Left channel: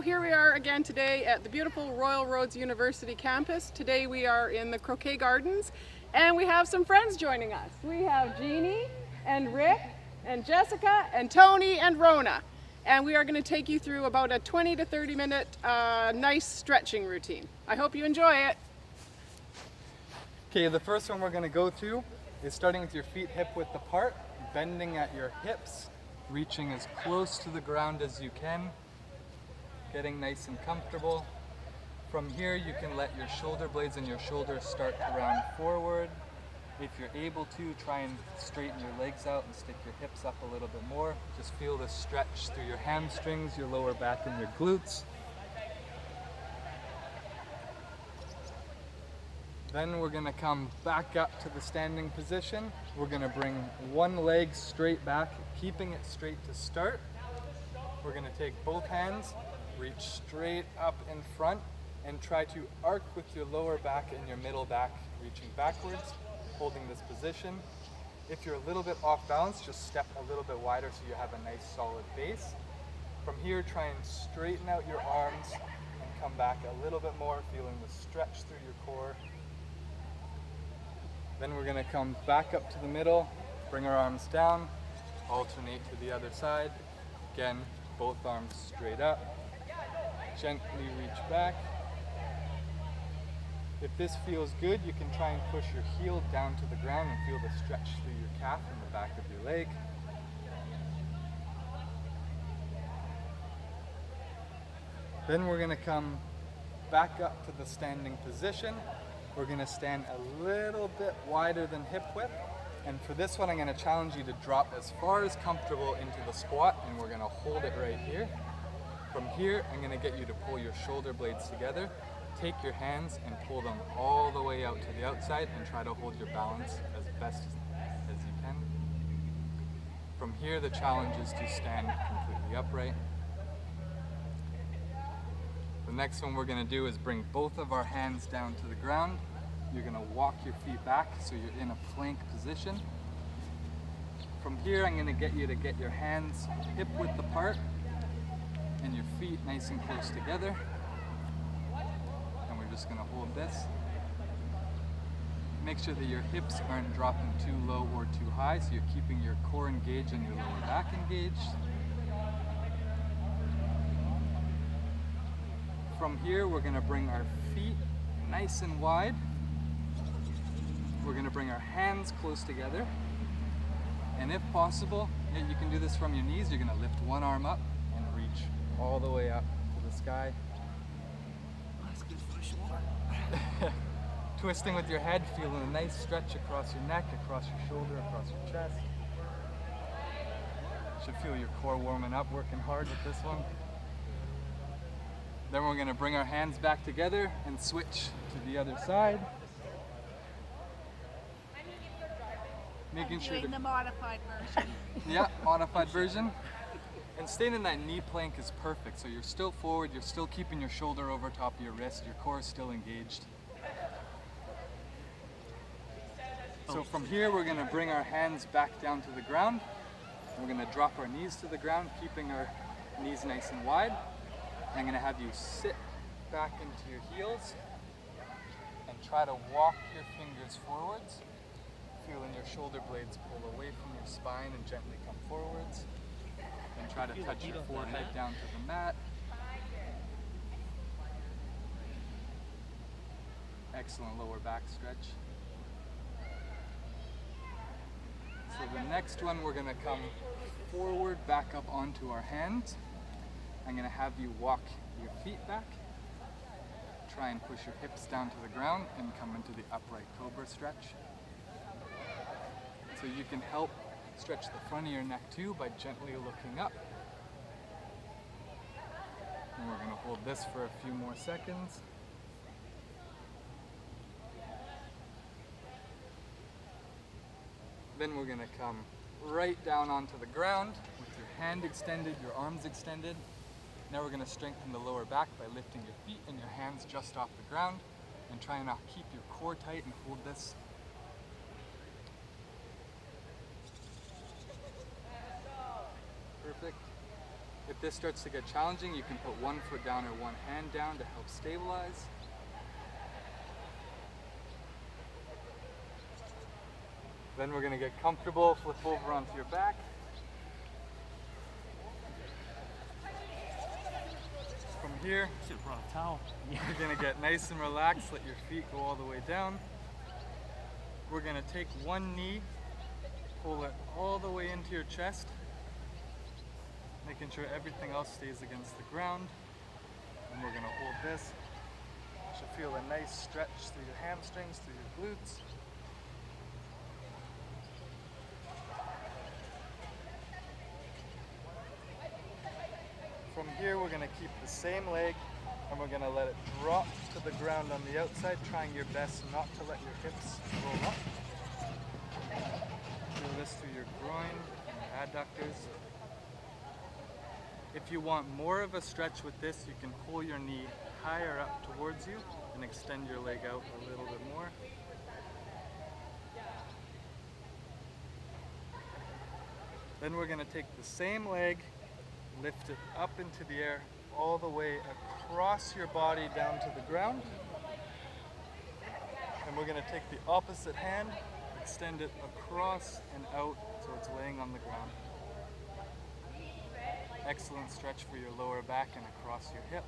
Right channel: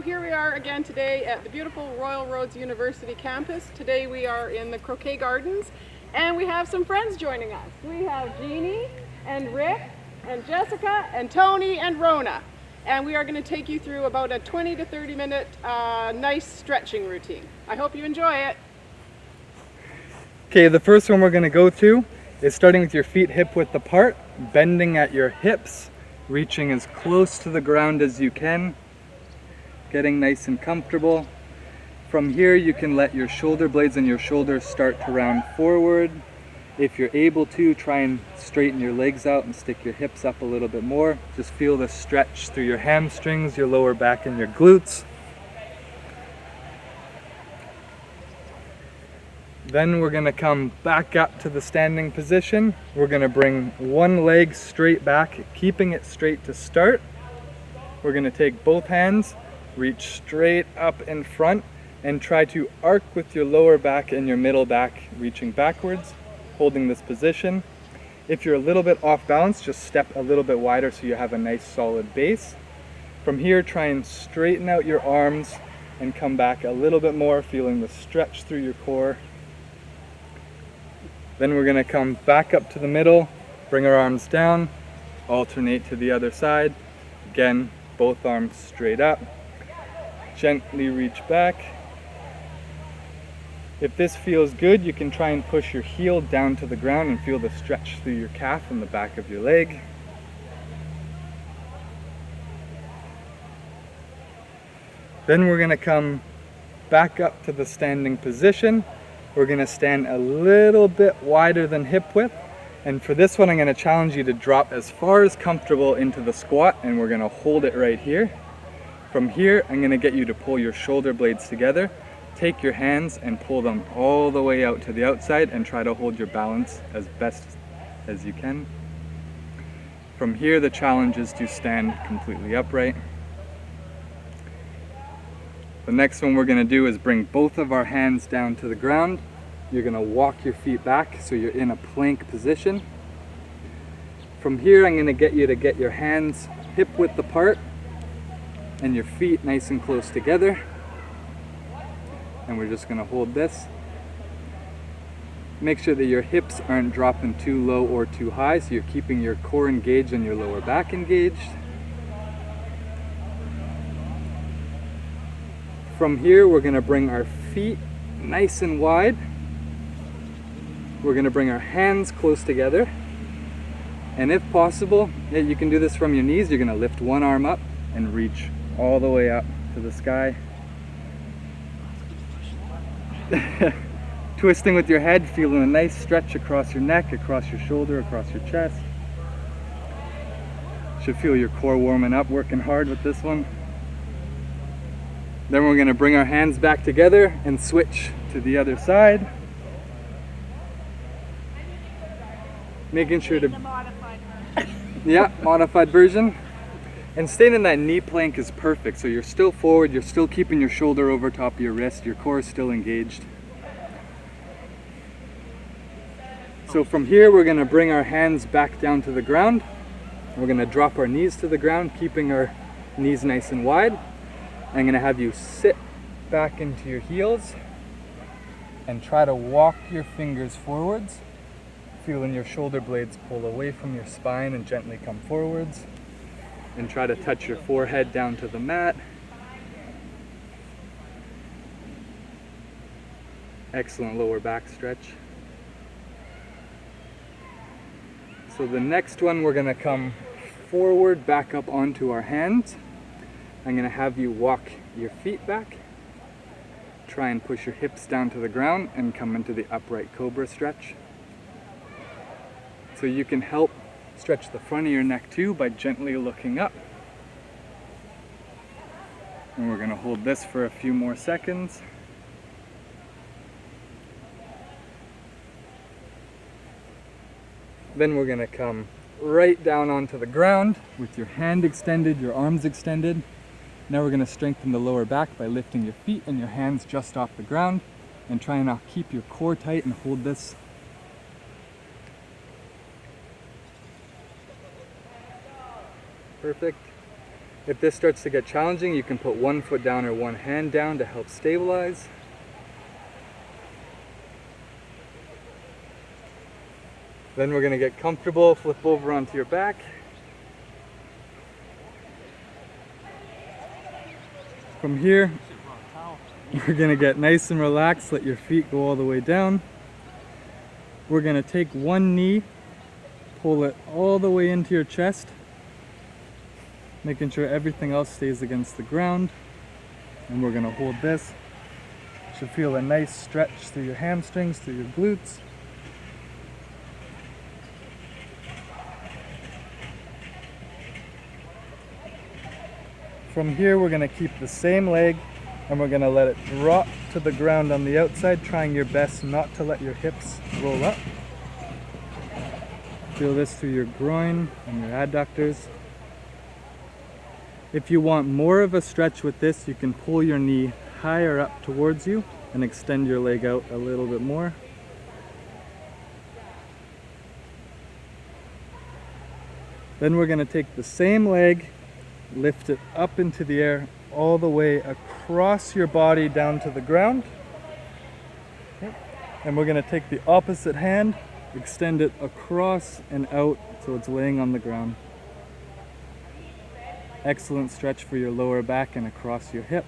So here we are again today at the beautiful Royal Roads University campus. Today we are in the Croquet Gardens and we have some friends joining us. We have Jeannie and Rick and Jessica and Tony and Rona. And we are going to take you through about a 20 to 30 minute nice stretching routine. I hope you enjoy it. Okay, the first one we're going to go through is starting with your feet hip width apart, bending at your hips, reaching as close to the ground as you can, getting nice and comfortable. From here you can let your shoulder blades and your shoulders start to round forward. If you're able to, try and straighten your legs out and stick your hips up a little bit more. Just feel the stretch through your hamstrings, your lower back and your glutes. Then we're going to come back up to the standing position. We're going to bring one leg straight back, keeping it straight to start. We're going to take both hands, reach straight up in front, and try to arc with your lower back and your middle back, reaching backwards, holding this position. If you're a little bit off balance, just step a little bit wider so you have a nice solid base. From here, try and straighten out your arms and come back a little bit more, feeling the stretch through your core. Then we're going to come back up to the middle, bring our arms down, alternate to the other side. Again, both arms straight up. Gently reach back. If this feels good, you can try and push your heel down to the ground and feel the stretch through your calf and the back of your leg. Then we're going to come back up to the standing position. We're going to stand a little bit wider than hip width. And for this one, I'm going to challenge you to drop as far as comfortable into the squat, and we're going to hold it right here. From here, I'm going to get you to pull your shoulder blades together. Take your hands and pull them all the way out to the outside and try to hold your balance as best as you can. From here, the challenge is to stand completely upright. The next one we're going to do is bring both of our hands down to the ground. You're going to walk your feet back so you're in a plank position. From here, I'm going to get you to get your hands hip width apart and your feet nice and close together. And we're just going to hold this. Make sure that your hips aren't dropping too low or too high, so you're keeping your core engaged and your lower back engaged. From here, we're going to bring our feet nice and wide. We're going to bring our hands close together. And if possible, you can do this from your knees. You're going to lift one arm up and reach all the way up to the sky. Twisting with your head, feeling a nice stretch across your neck, across your shoulder, across your chest. Should feel your core warming up, working hard with this one. Then we're going to bring our hands back together and switch to the other side. Making sure to, modified version. And staying in that knee plank is perfect. So you're still forward, you're still keeping your shoulder over top of your wrist, your core is still engaged. So from here, we're going to bring our hands back down to the ground. We're going to drop our knees to the ground, keeping our knees nice and wide. I'm going to have you sit back into your heels and try to walk your fingers forwards, feeling your shoulder blades pull away from your spine and gently come forwards. And try to touch your forehead down to the mat. Excellent lower back stretch. So the next one, we're going to come forward, back up onto our hands. I'm going to have you walk your feet back. Try and push your hips down to the ground and come into the upright Cobra stretch. So you can help stretch the front of your neck too by gently looking up. And we're going to hold this for a few more seconds. Then we're going to come right down onto the ground with your hand extended, your arms extended. Now we're going to strengthen the lower back by lifting your feet and your hands just off the ground and try and now keep your core tight and hold this. Perfect. If this starts to get challenging, you can put one foot down or one hand down to help stabilize. Then we're going to get comfortable, flip over onto your back. From here, you're going to get nice and relaxed, let your feet go all the way down. We're going to take one knee, pull it all the way into your chest, making sure everything else stays against the ground. And we're going to hold this. You should feel a nice stretch through your hamstrings, through your glutes. From here, we're going to keep the same leg and we're going to let it drop to the ground on the outside, trying your best not to let your hips roll up. Feel this through your groin and your adductors. If you want more of a stretch with this, you can pull your knee higher up towards you and extend your leg out a little bit more. Then we're going to take the same leg, lift it up into the air all the way across your body down to the ground. Okay. And we're going to take the opposite hand, extend it across and out so it's laying on the ground. Excellent stretch for your lower back and across your hip.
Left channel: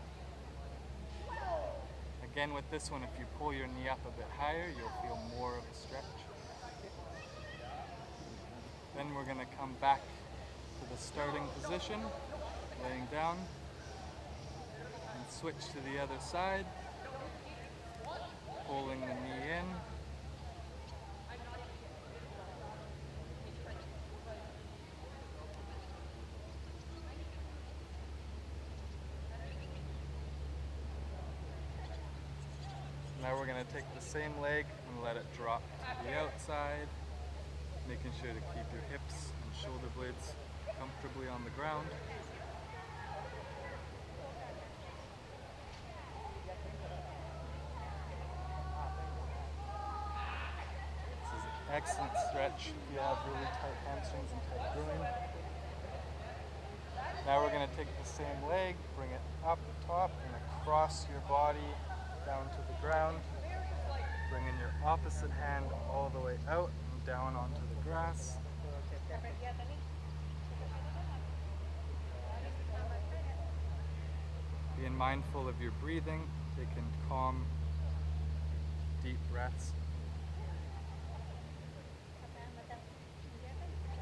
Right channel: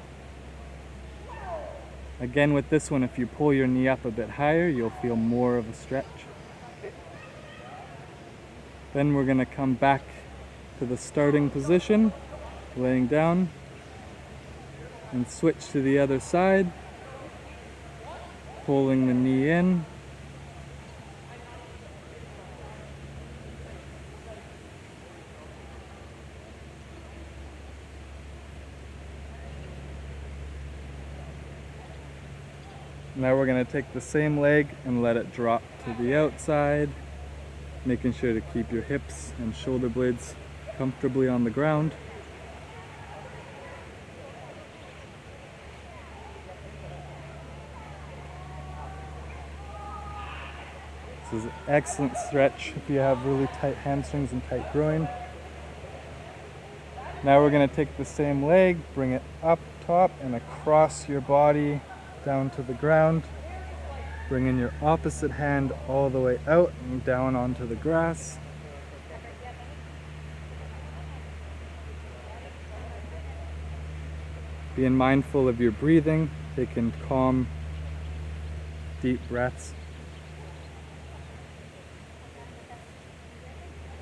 Again, with this one, if you pull your knee up a bit higher, you'll feel more of a stretch. Then we're going to come back to the starting position, laying down, and switch to the other side, pulling the knee in. Now we're going to take the same leg and let it drop to the outside, making sure to keep your hips and shoulder blades comfortably on the ground. This is an excellent stretch if you have really tight hamstrings and tight groin. Now we're going to take the same leg, bring it up top and across your body down to the ground. Bring in your opposite hand all the way out and down onto the grass. Being mindful of your breathing, taking calm, deep breaths.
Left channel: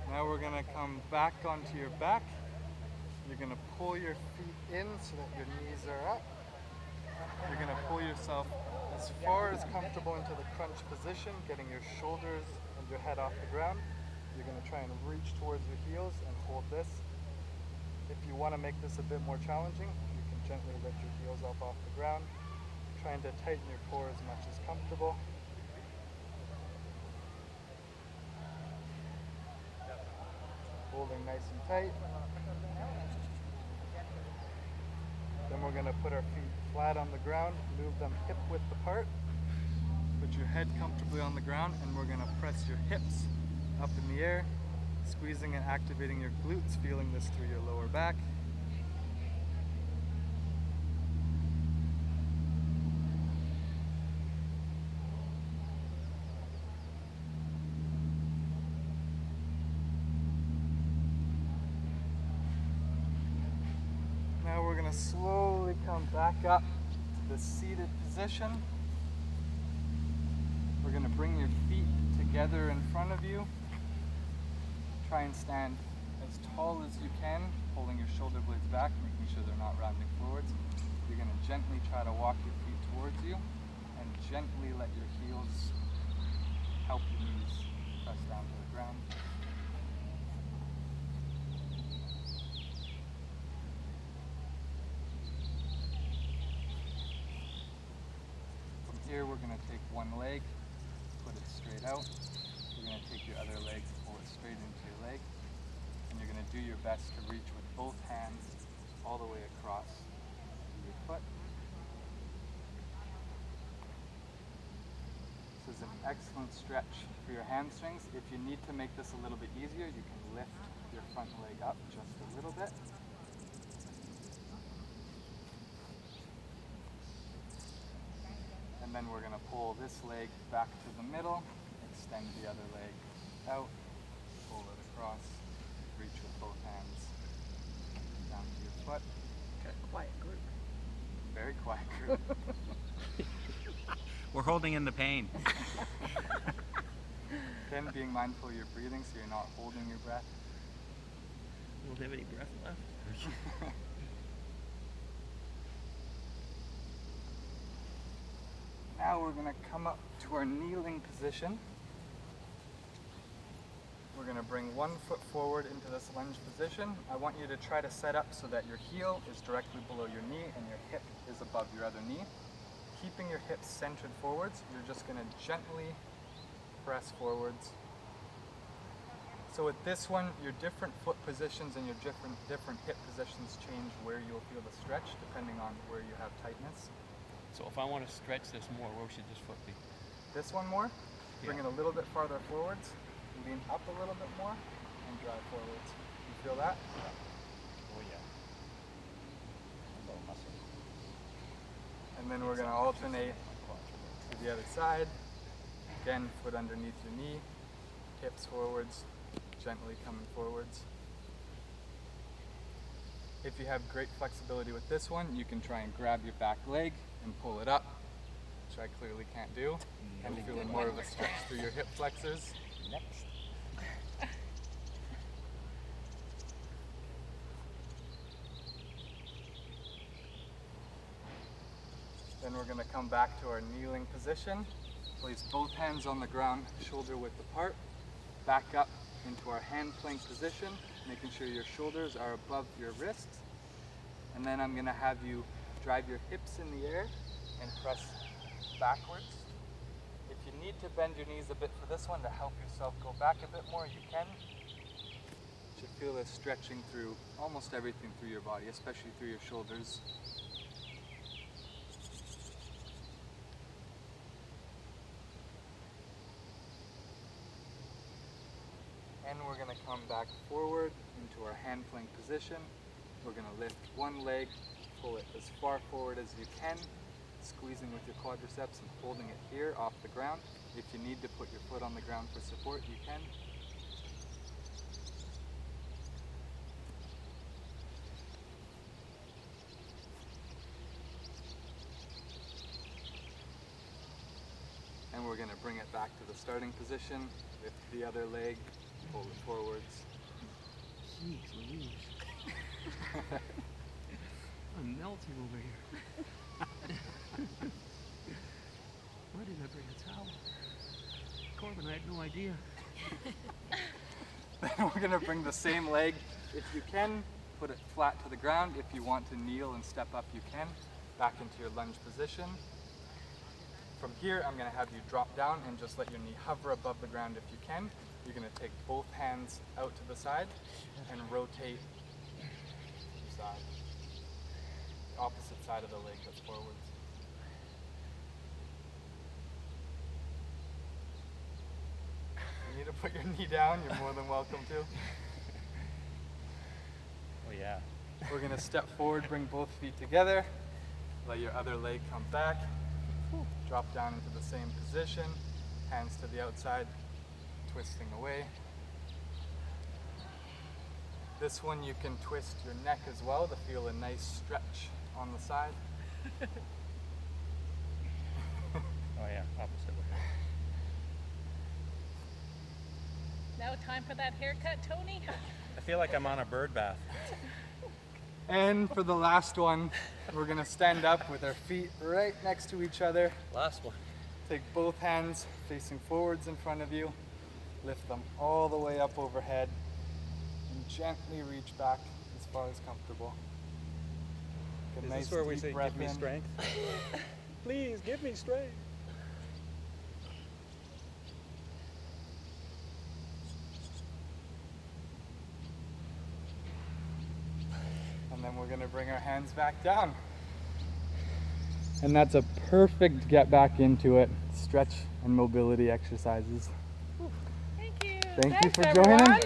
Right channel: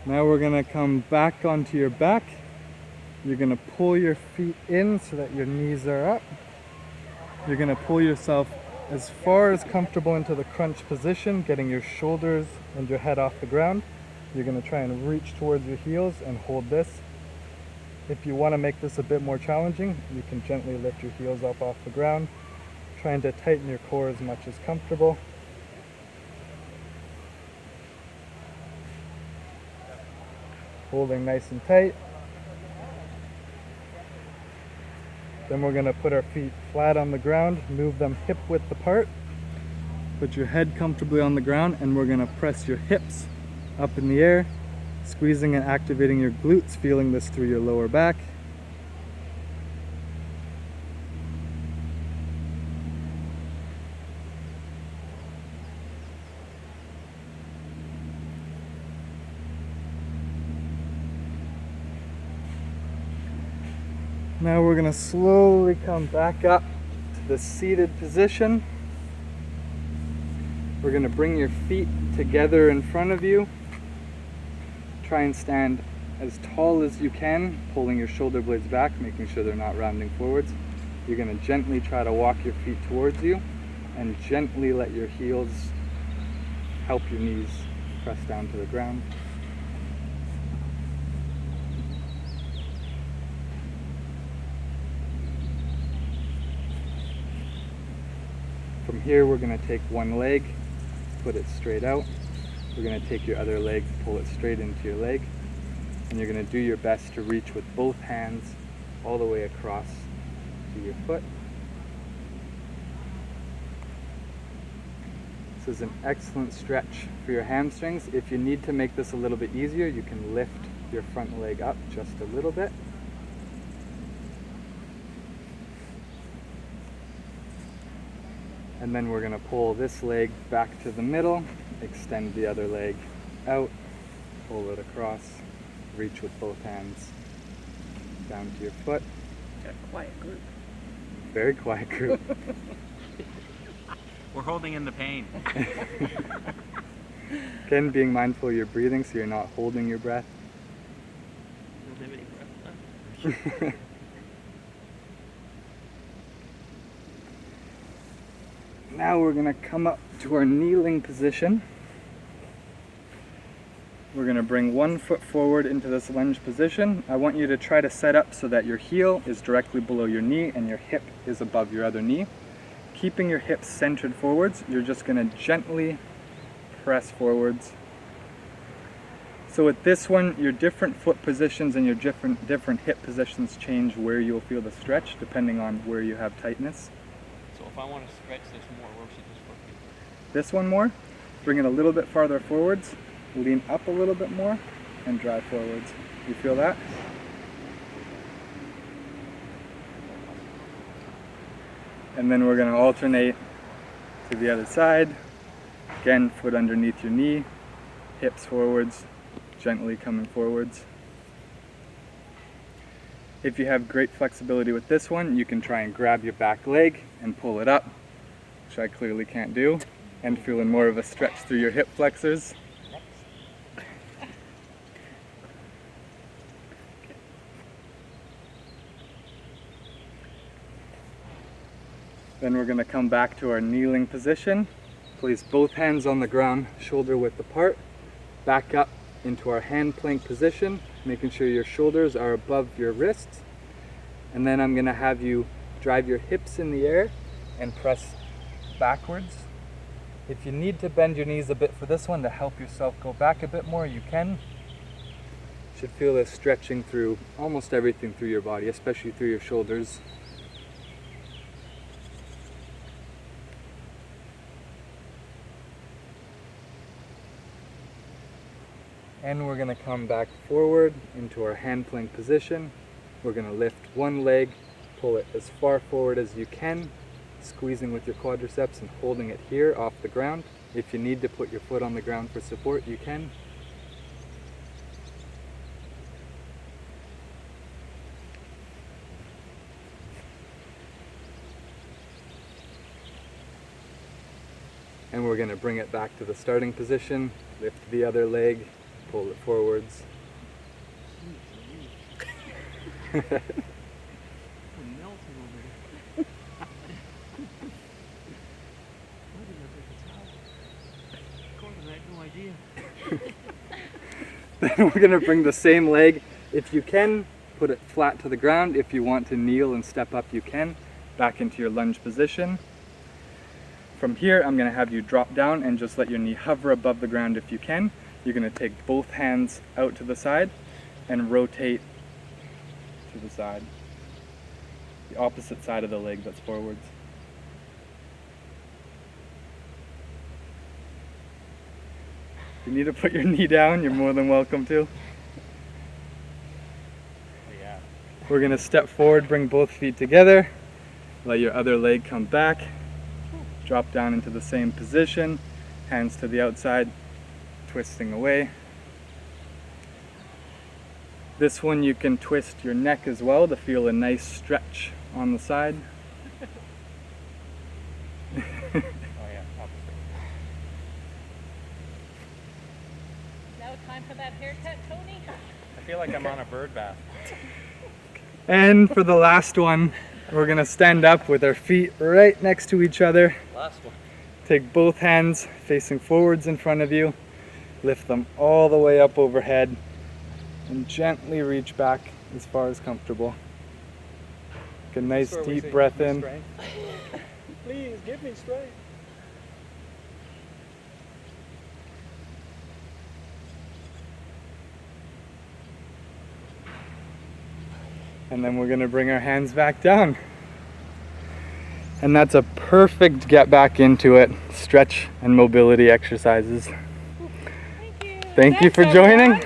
Now we're going to come back onto your back. You're going to pull your feet in so that your knees are up. You're going to pull yourself as far as comfortable into the crunch position, getting your shoulders and your head off the ground. You're going to try and reach towards your heels and hold this. If you want to make this a bit more challenging, you can gently lift your heels up off the ground, trying to tighten your core as much as comfortable. Holding nice and tight. Then we're going to put our feet flat on the ground, move them hip width apart. Put your head comfortably on the ground and we're going to press your hips up in the air, squeezing and activating your glutes, feeling this through your lower back. Now we're going to slowly come back up to the seated position. We're going to bring your feet together in front of you. Try and stand as tall as you can, pulling your shoulder blades back, making sure they're not rounding forwards. You're going to gently try to walk your feet towards you and gently let your heels help your knees press down to the ground. From here, we're going to take one leg, put it straight out. We're going to take your other leg, pull it straight into your leg, and you're going to do your best to reach with both hands all the way across to your foot. This is an excellent stretch for your hamstrings. If you need to make this a little bit easier, you can lift your front leg up just a little bit. And then we're going to pull this leg back to the middle, extend the other leg out, pull it across, reach with both hands down to your foot. Got a quiet group. Very quiet group. We're holding in the pain. Again, being mindful of your breathing so you're not holding your breath. Now we're going to come up to our kneeling position. We're going to bring one foot forward into this lunge position. I want you to try to set up so that your heel is directly below your knee and your hip is above your other knee. Keeping your hips centered forwards, you're just going to gently press forwards. So with this one, your different foot positions and your different hip positions change where you'll feel the stretch depending on where you have tightness. So if I want to stretch this more, where should this foot be? This one more, bring it a little bit farther forwards, lean up a little bit more, and drive forwards. You feel that? And then we're going to alternate to the other side. Again, foot underneath your knee, hips forwards, gently coming forwards. If you have great flexibility with this one, you can try and grab your back leg and pull it up, which I clearly can't do, and feeling more of a stretch through your hip flexors. Then we're going to come back to our kneeling position. Place both hands on the ground, shoulder width apart. Back up into our hand plank position, making sure your shoulders are above your wrists. And then I'm going to have you drive your hips in the air and press backwards. If you need to bend your knees a bit for this one to help yourself go back a bit more, you can. You should feel this stretching through almost everything through your body, especially through your shoulders. And we're going to come back forward into our hand plank position. We're going to lift one leg, pull it as far forward as you can, squeezing with your quadriceps and holding it here off the ground. If you need to put your foot on the ground for support, you can. And we're going to bring it back to the starting position, lift the other leg, pull it forwards. Then we're going to bring the same leg. If you can, put it flat to the ground. If you want to kneel and step up, you can. Back into your lunge position. From here, I'm going to have you drop down and just let your knee hover above the ground if you can. You're going to take both hands out to the side and rotate to the side. The opposite side of the leg that's forwards. If you need to put your knee down, you're more than welcome to. Oh, yeah. We're going to step forward, bring both feet together, let your other leg come back, drop down into the same position, hands to the outside, twisting away. This one you can twist your neck as well to feel a nice stretch on the side. Oh, yeah. Opposite. Now time for that haircut, Tony? I feel like I'm on a bird bath. And for the last one, we're going to stand up with our feet right next to each other. Last one. Take both hands facing forwards in front of you. Lift them all the way up overhead and gently reach back as far as comfortable. Take a nice deep breath in. Please give me strength. And then we're going to bring our hands back down. And that's a perfect get back into it stretch and mobility exercises. Thank you for joining.